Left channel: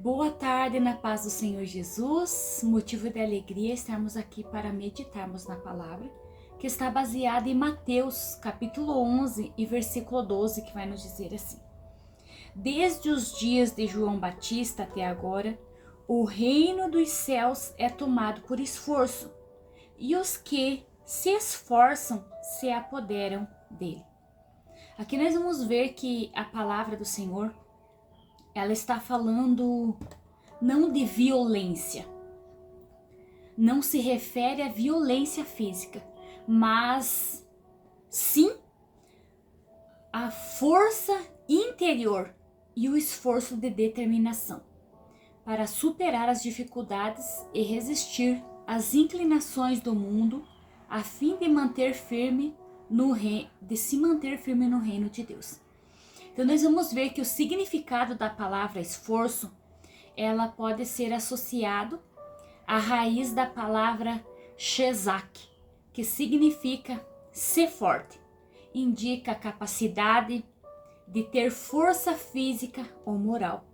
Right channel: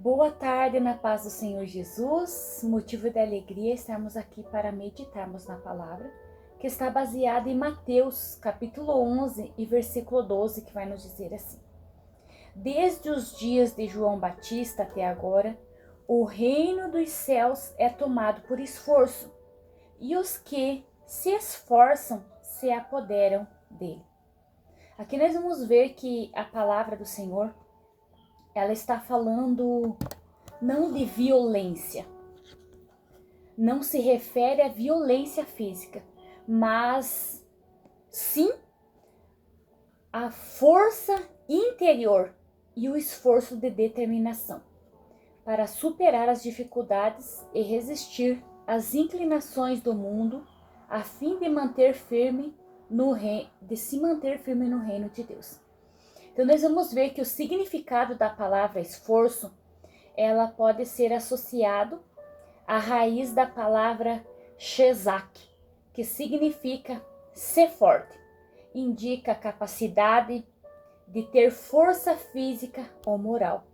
Boa tarde na paz do Senhor Jesus, motivo de alegria estarmos aqui para meditarmos na palavra, que está baseada em Mateus capítulo 11 e versículo 12, que vai nos dizer assim: Desde os dias de João Batista até agora, o reino dos céus é tomado por esforço, e os que se esforçam se apoderam dele. Aqui nós vamos ver que a palavra do Senhor, ela está falando não de violência, não se refere à violência física, mas sim à força interior e o esforço de determinação para superar as dificuldades e resistir às inclinações do mundo, a fim de se manter firme no reino de Deus. Então nós vamos ver que o significado da palavra esforço, ela pode ser associado à raiz da palavra shezak, que significa ser forte, indica a capacidade de ter força física ou moral.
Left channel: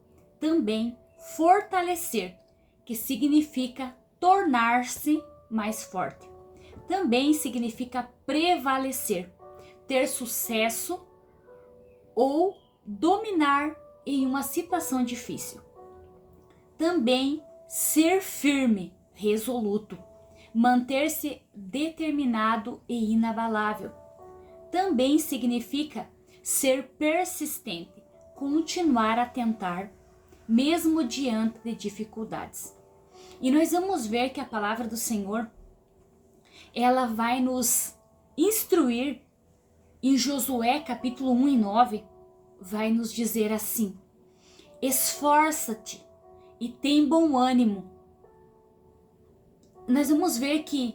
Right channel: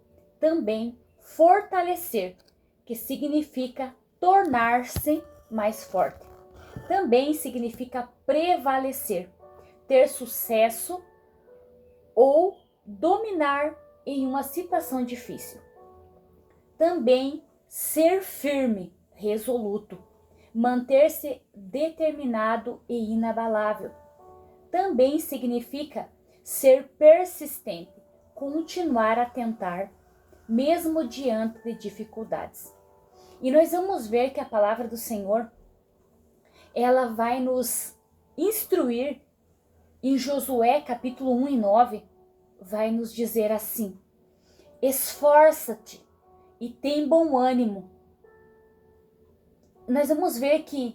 Também fortalecer, que significa tornar-se mais forte. Também significa prevalecer, ter sucesso ou dominar em uma situação difícil. Também ser firme, resoluto, manter-se determinado e inabalável. Também significa ser persistente, continuar a tentar, mesmo diante de dificuldades. E nós vamos ver que a palavra do Senhor, ela vai nos instruir em Josué capítulo 1 e 9, vai nos dizer assim: esforça-te e tem bom ânimo. Nós vamos ver que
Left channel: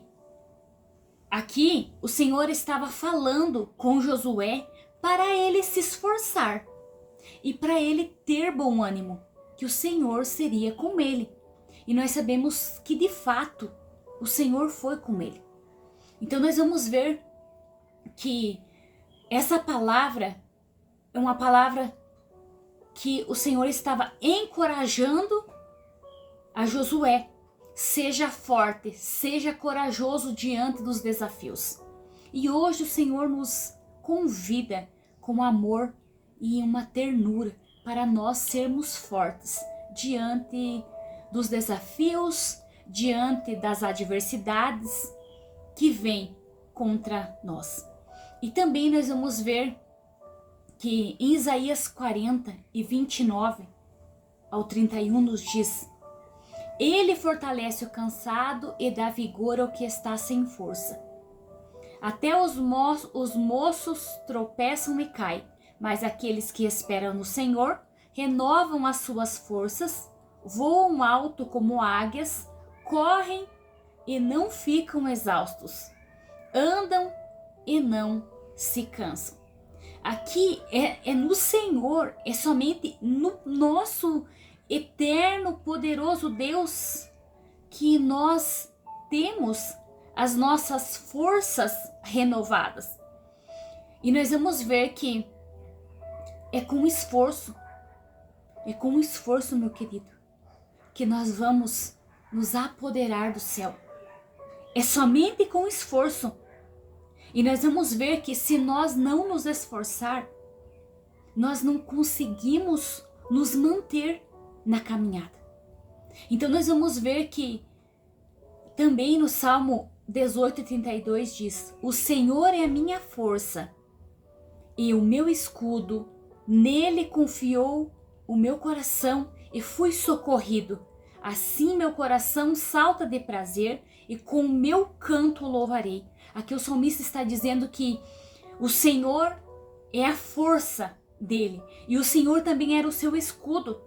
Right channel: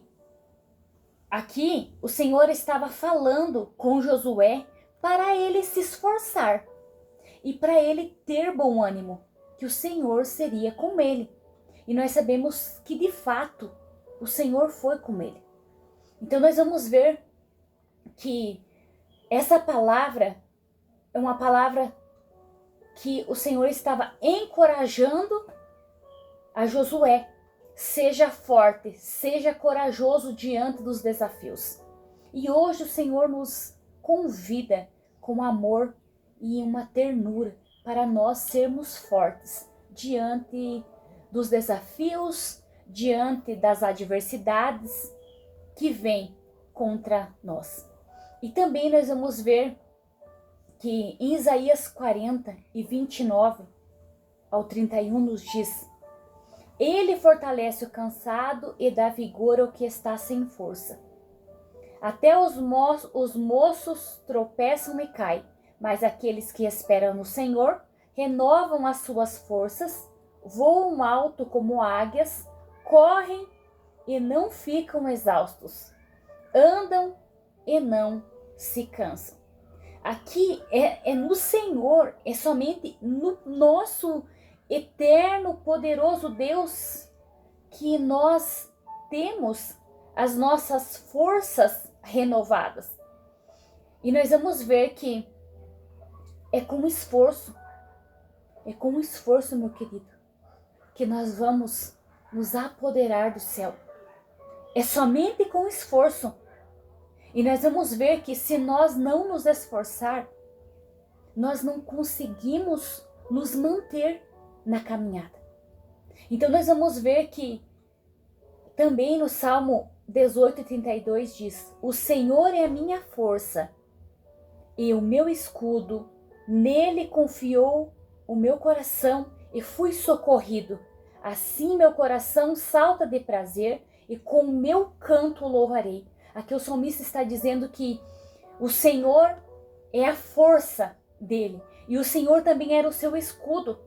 aqui o Senhor estava falando com Josué para ele se esforçar e para ele ter bom ânimo, que o Senhor seria com ele. E nós sabemos que de fato o Senhor foi com ele. Então nós vamos ver que essa palavra é uma palavra que o Senhor estava encorajando a Josué. Seja forte, seja corajoso diante dos desafios. E hoje o Senhor nos convida com amor e uma ternura para nós sermos fortes diante dos desafios, diante das adversidades que vêm contra nós. E também nós vamos ver que em Isaías 40 e 29 ao 31 nos diz: Ele fortalece o cansado e dá vigor ao que está sem força. Até os moços tropeçam e caem, mas aqueles que esperam no Senhor renovam as suas forças, voam alto como águias, correm e não ficam exaustos, andam e não se cansam. Aqui é no Senhor, é somente no nosso eterno, poderoso Deus que nós temos as nossas forças renovadas. E nós vamos ver que é com esforço, meu querido, que nós vamos nos apoderar do céu. É somente com esforço. E nós vamos ver que se nós não nos esforçar, nós não conseguimos nos manter na caminhada. Então nós vamos ver que também no Salmo 18:32 diz: O Senhor é a minha força e o meu escudo, nele confiou o meu coração e fui socorrido. Assim meu coração salta de prazer e com o meu canto o louvarei. Aqui o salmista está dizendo que o Senhor é a força dele e o Senhor também era o seu escudo.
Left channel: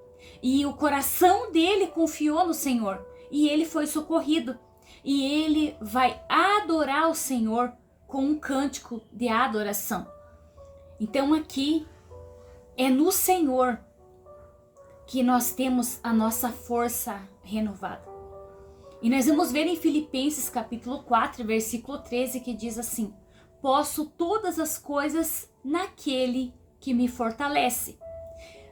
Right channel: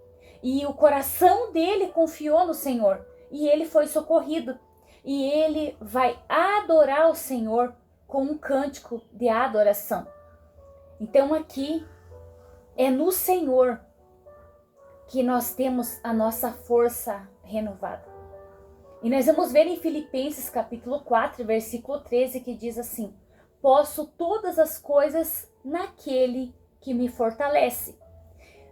E o coração dele confiou no Senhor e ele foi socorrido. E ele vai adorar o Senhor com um cântico de adoração. Então aqui é no Senhor que nós temos a nossa força renovada. E nós vamos ver em Filipenses capítulo 4, versículo 13, que diz assim: Posso todas as coisas naquele que me fortalece.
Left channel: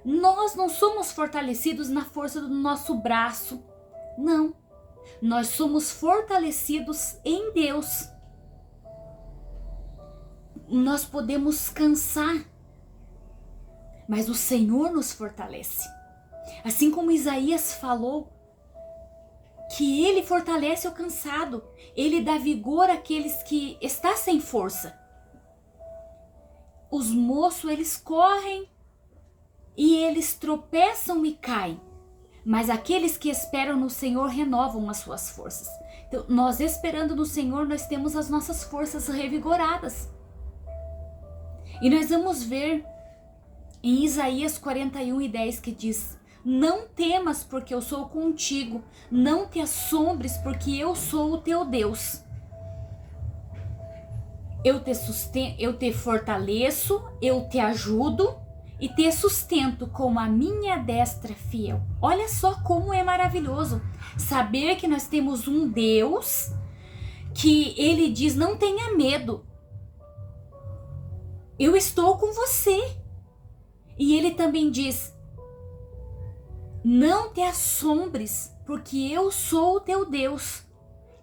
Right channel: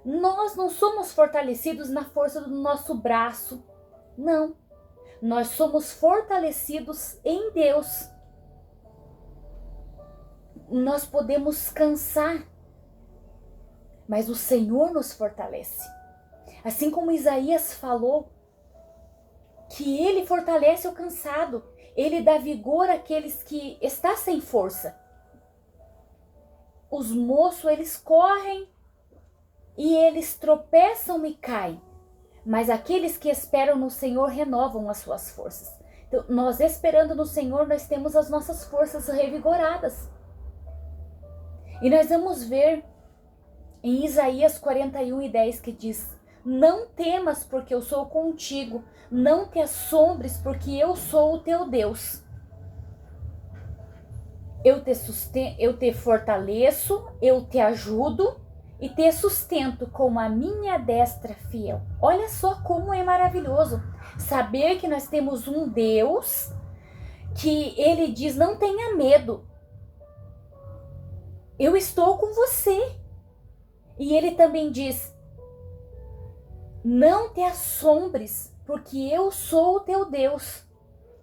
Nós não somos fortalecidos na força do nosso braço, não. Nós somos fortalecidos em Deus. Nós podemos cansar, mas o Senhor nos fortalece. Assim como Isaías falou, que Ele fortalece o cansado, Ele dá vigor àqueles que estão sem força. Os moços, eles correm e eles tropeçam e caem, mas aqueles que esperam no Senhor renovam as suas forças. Então, nós esperando no Senhor, nós temos as nossas forças revigoradas. E nós vamos ver em Isaías 41:10 que diz: não temas, porque eu sou contigo, não te assombres, porque eu sou o teu Deus. Eu te fortaleço, eu te ajudo e te sustento com a minha destra fiel. Olha só como é maravilhoso saber que nós temos um Deus que Ele diz: não tenha medo, eu estou com você. E Ele também diz: não te assombres, porque eu sou o teu Deus,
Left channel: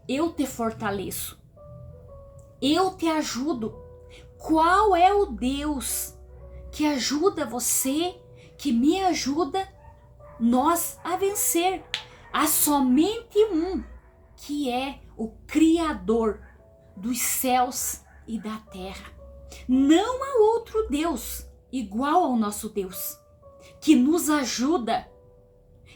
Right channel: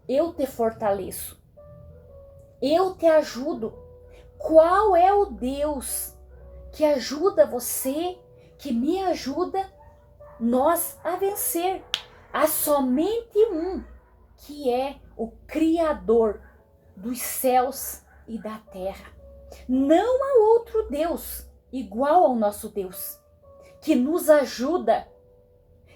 eu te fortaleço, eu te ajudo. Qual é o Deus que ajuda você, que me ajuda nós a vencer? Há somente um, que é o Criador dos céus e da terra. Não há outro Deus igual ao nosso Deus, que nos ajuda,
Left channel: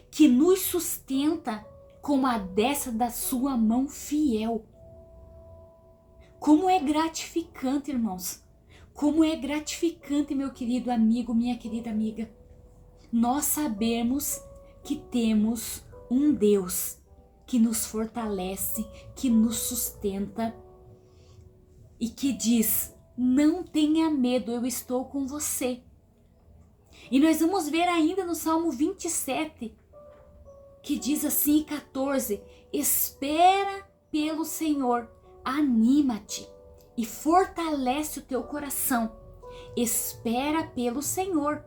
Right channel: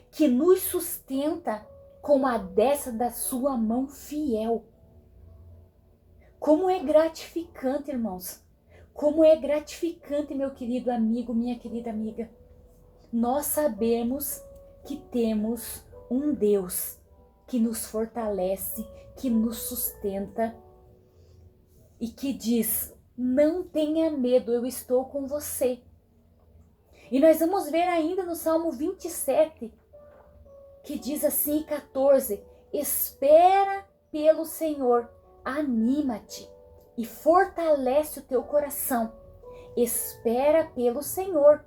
que nos sustenta com a destra da sua mão fiel. Como é gratificante, irmãos. Como é gratificante, meu querido amigo, minha querida amiga, nós sabermos que temos um Deus que nos fortalece, que nos sustenta e que diz: não tenha medo, eu estou com você. E nós vamos ver ainda no Salmo 27, que diz assim, 14: espera pelo Senhor, anima-te e fortalece o teu coração. Espera pelo Senhor.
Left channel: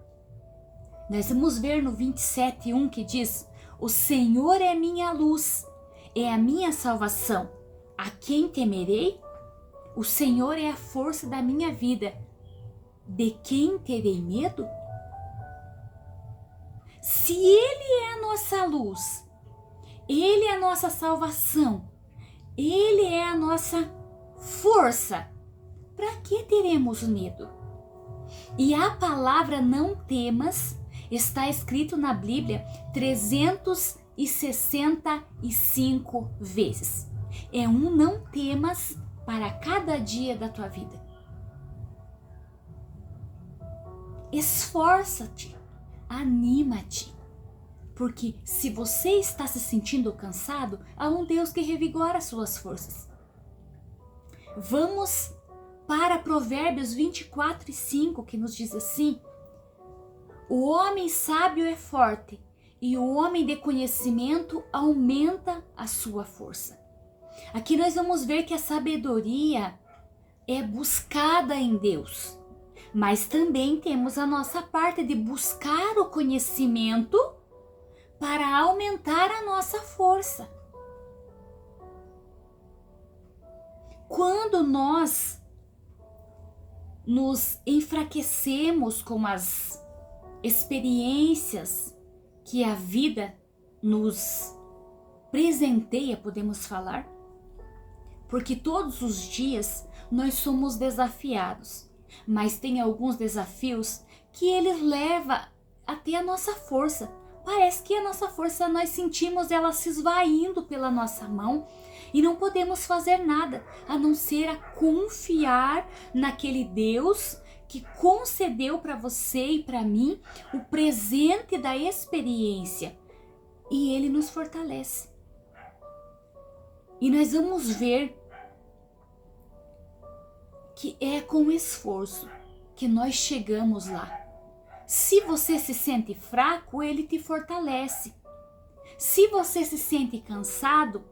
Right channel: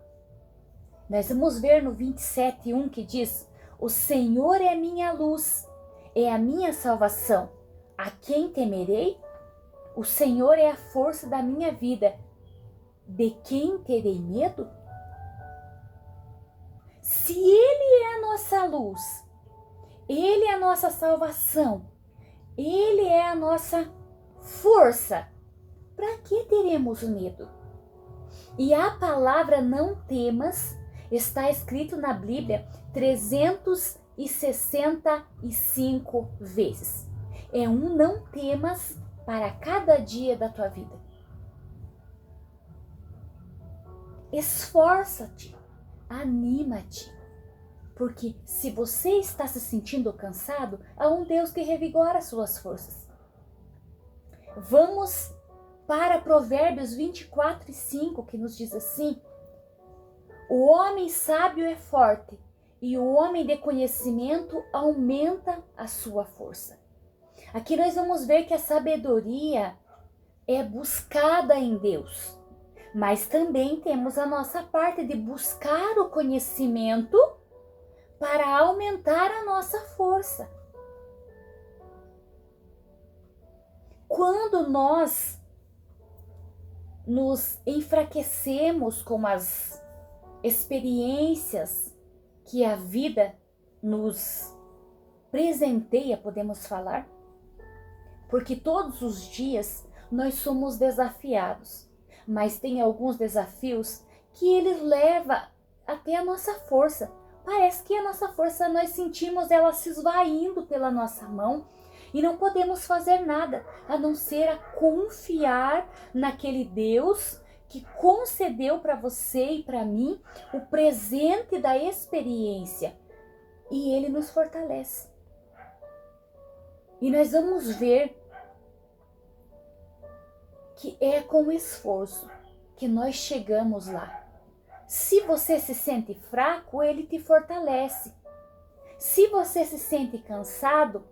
Nós vamos ver no 27:1 que diz: o Senhor é a minha luz, é a minha salvação. A quem temerei? O Senhor é a força da minha vida. De quem terei medo? Se Ele é a nossa luz, Ele é a nossa salvação, Ele é a nossa força, para que teremos medo? E a palavra não temas está escrito na Bíblia 365 vezes. É um não temas para cada dia da tua vida. Esforça-te, anima-te, porque se você está se sentindo cansado, há um Deus que revigora as suas forças. Vamos para Provérbios 24:5, que nos diz assim: o homem sábio é forte, e o homem de conhecimento aumenta a sua força. Aqui nós vamos ver que a sabedoria é buscada em Deus, mas também temos a nossa parte de buscar o conhecimento para aumentar a nossa força. Quando nós nos enfraquecemos com as experiências que a vida nos presenteia, podemos falar, porque todos os dias nós somos desafiados, mas tem alguns desafios que eles levam até a nossa força. Parece que a nossa força, nós sentimos ela se esvaindo pela nossa mão e não podemos fazer nada a não ser a confiar naquele Deus que concedeu para você e para mim o presente da experiência, e Ele nos fortalece. E nós vamos ver que é com esforço que nós chegamos lá. Se você se sente fraco, Ele te fortalece. Se você se sente cansado,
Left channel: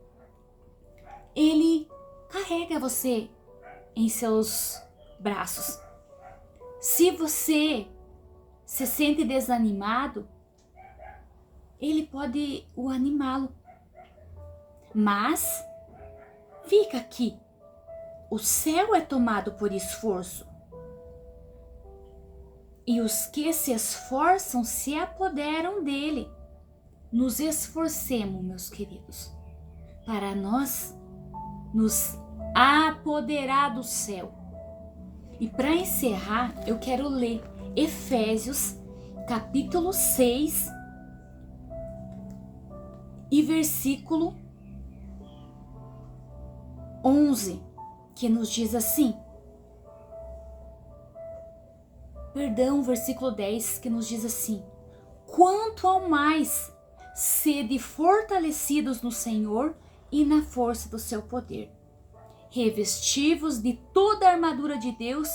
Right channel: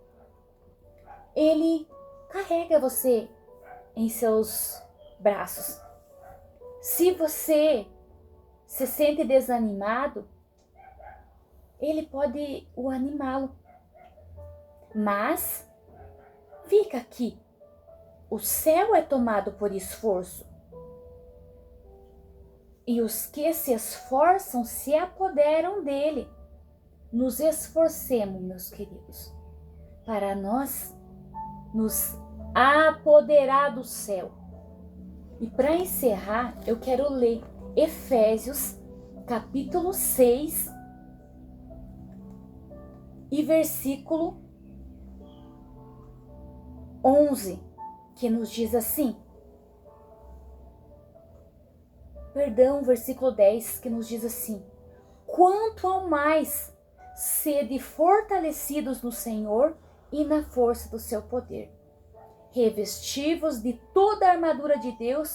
Ele carrega você em seus braços. Se você se sente desanimado, ele pode o animá-lo. Mas fica aqui. O céu é tomado por esforço. E os que se esforçam se apoderam dele. Nos esforcemos, meus queridos, para nós nos apoderar do céu. E para encerrar, eu quero ler Efésios, capítulo 6, e versículo 11, que nos diz assim. Perdão, versículo 10, que nos diz assim: quanto ao mais, sede fortalecidos no Senhor e na força do seu poder. Revesti-vos de toda a armadura de Deus,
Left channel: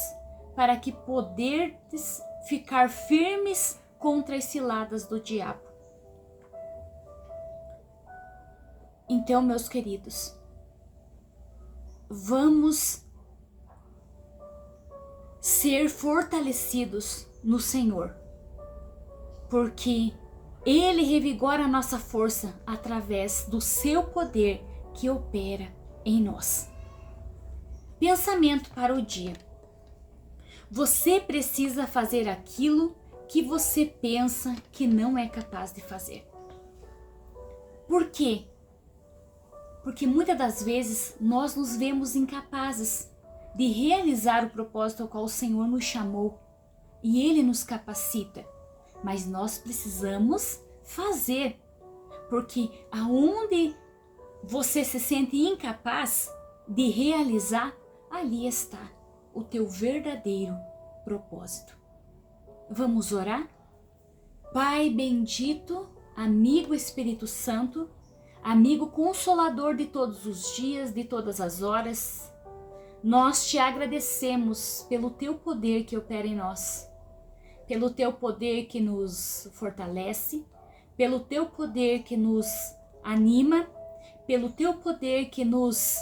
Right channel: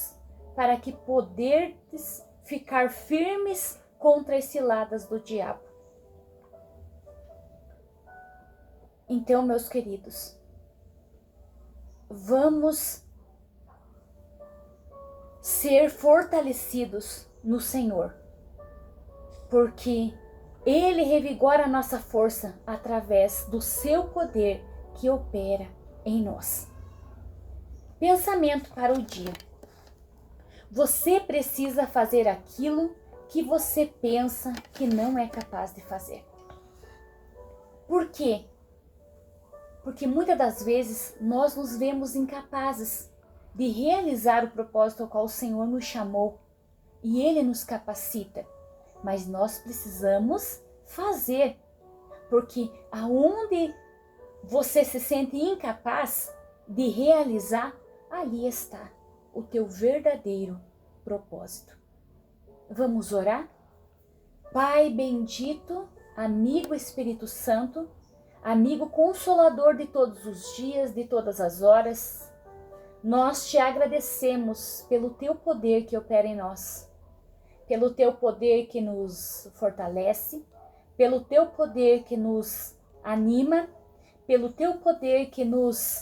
para que poderdes ficar firmes contra as ciladas do diabo. Então, meus queridos, vamos ser fortalecidos no Senhor, porque Ele revigora a nossa força através do seu poder que opera em nós. Pensamento para o dia. Você precisa fazer aquilo que você pensa que não é capaz de fazer. Por quê? Porque muitas das vezes nós nos vemos incapazes de realizar o propósito ao qual o Senhor nos chamou, e Ele nos capacita. Mas nós precisamos fazer, porque aonde você se sente incapaz de realizar, ali está o teu verdadeiro propósito. Vamos orar? Pai bendito, amigo Espírito Santo, amigo consolador de todos os dias, de todas as horas, nós te agradecemos pelo teu poder que opera em nós, pelo teu poder que nos fortalece, pelo teu poder que nos anima, pelo teu poder que nos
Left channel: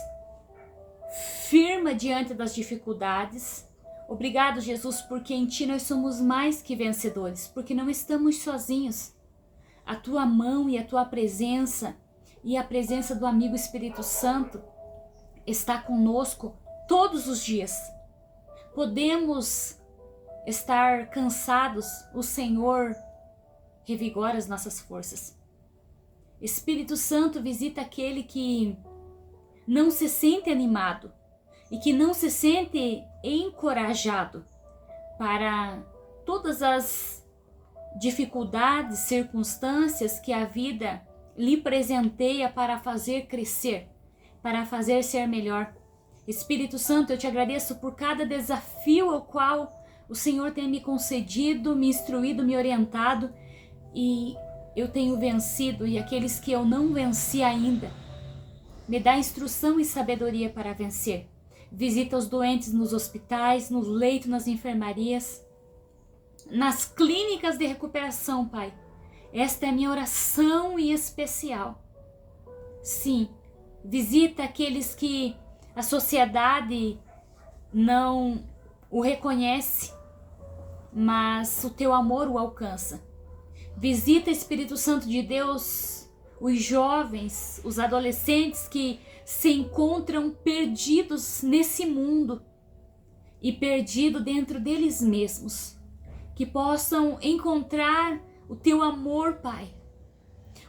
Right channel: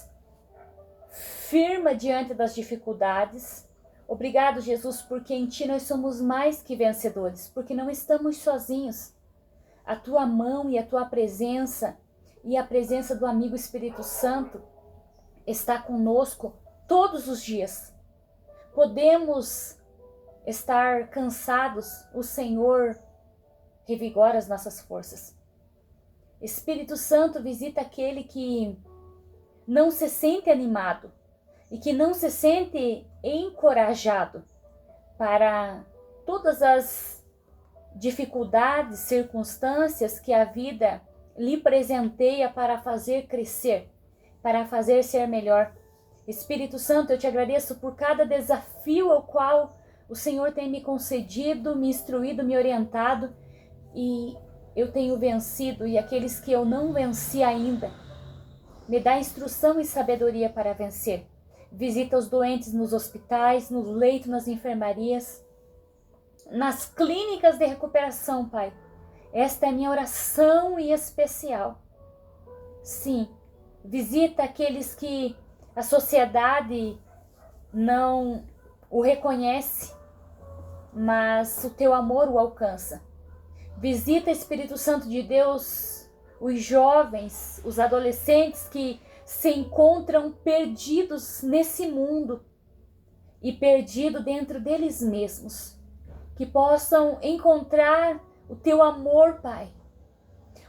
firma diante das dificuldades. Obrigado, Jesus, porque em ti nós somos mais que vencedores, porque não estamos sozinhos. A tua mão e a tua presença e a presença do amigo Espírito Santo está conosco todos os dias. Podemos estar cansados, o Senhor revigora as nossas forças. Espírito Santo, visita aquele que não se sente animado e que não se sente encorajado para todas as dificuldades, circunstâncias que a vida lhe presenteia para fazer crescer, para fazer ser melhor. Espírito Santo, eu te agradeço por cada desafio ao qual o Senhor tem me concedido, me instruído, me orientado, e eu tenho vencido, e aqueles que eu não venci ainda, me dá instrução e sabedoria para vencer. Visita os doentes nos hospitais, nos leitos, nas enfermarias, nas clínicas de recuperação, Pai. Esta é minha oração em especial. Sim, visita aqueles que a sociedade não o reconhece, mas o teu amor o alcança. Visita, Espírito Santo de Deus, os jovens, os adolescentes que se encontram perdidos nesse mundo e perdidos dentro deles mesmos. Que possam encontrar o teu amor, Pai.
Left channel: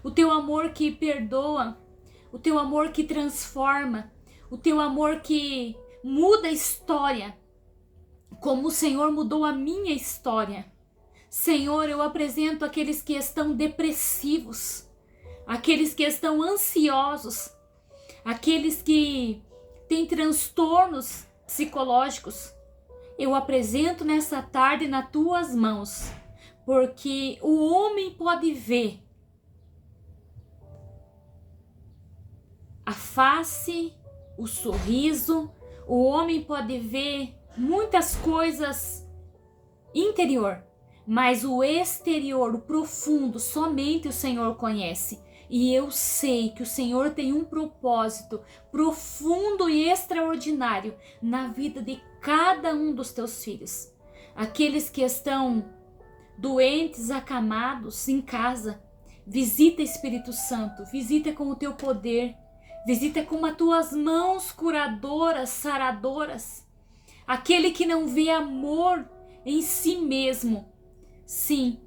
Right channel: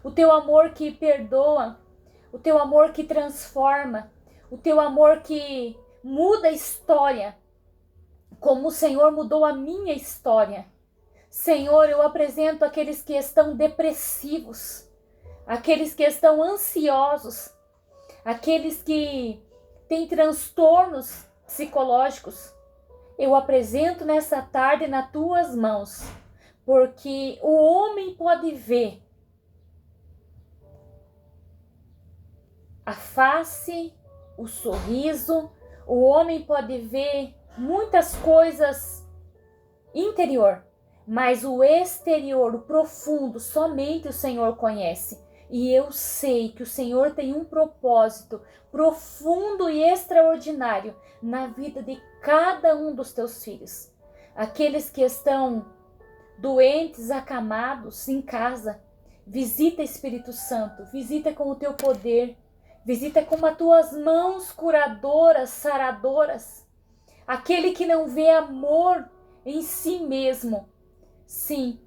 O teu amor que perdoa, o teu amor que transforma, o teu amor que muda a história, como o Senhor mudou a minha história. Senhor, eu apresento aqueles que estão depressivos, aqueles que estão ansiosos, aqueles que têm transtornos psicológicos. Eu apresento nessa tarde nas tuas mãos, porque o homem pode ver a face, o sorriso, o homem pode ver muitas coisas interior, mas o exterior, o profundo, somente o Senhor conhece. E eu sei que o Senhor tem um propósito profundo e extraordinário na vida de cada um dos teus filhos. Aqueles que estão doentes, acamados em casa. Visita, Espírito Santo, visita com o teu poder, visita com as tuas mãos curadoras, saradoras. Aquele que não vê amor em si mesmo. Sim,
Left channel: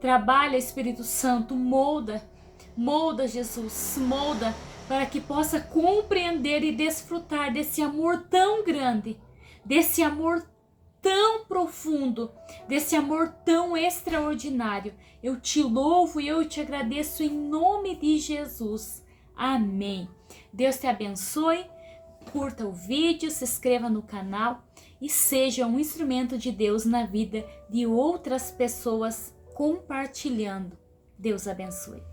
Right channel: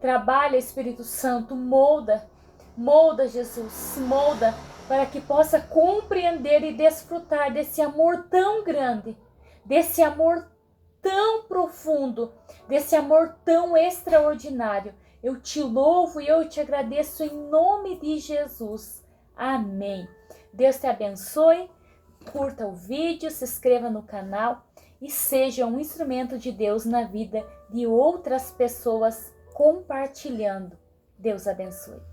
trabalha, Espírito Santo, molda, Jesus, molda, para que possa compreender e desfrutar desse amor tão grande, desse amor tão profundo, desse amor tão extraordinário. Eu te louvo e eu te agradeço em nome de Jesus. Amém. Deus te abençoe, curta o vídeo, se inscreva no canal e seja um instrumento de Deus na vida de outras pessoas compartilhando. Deus abençoe.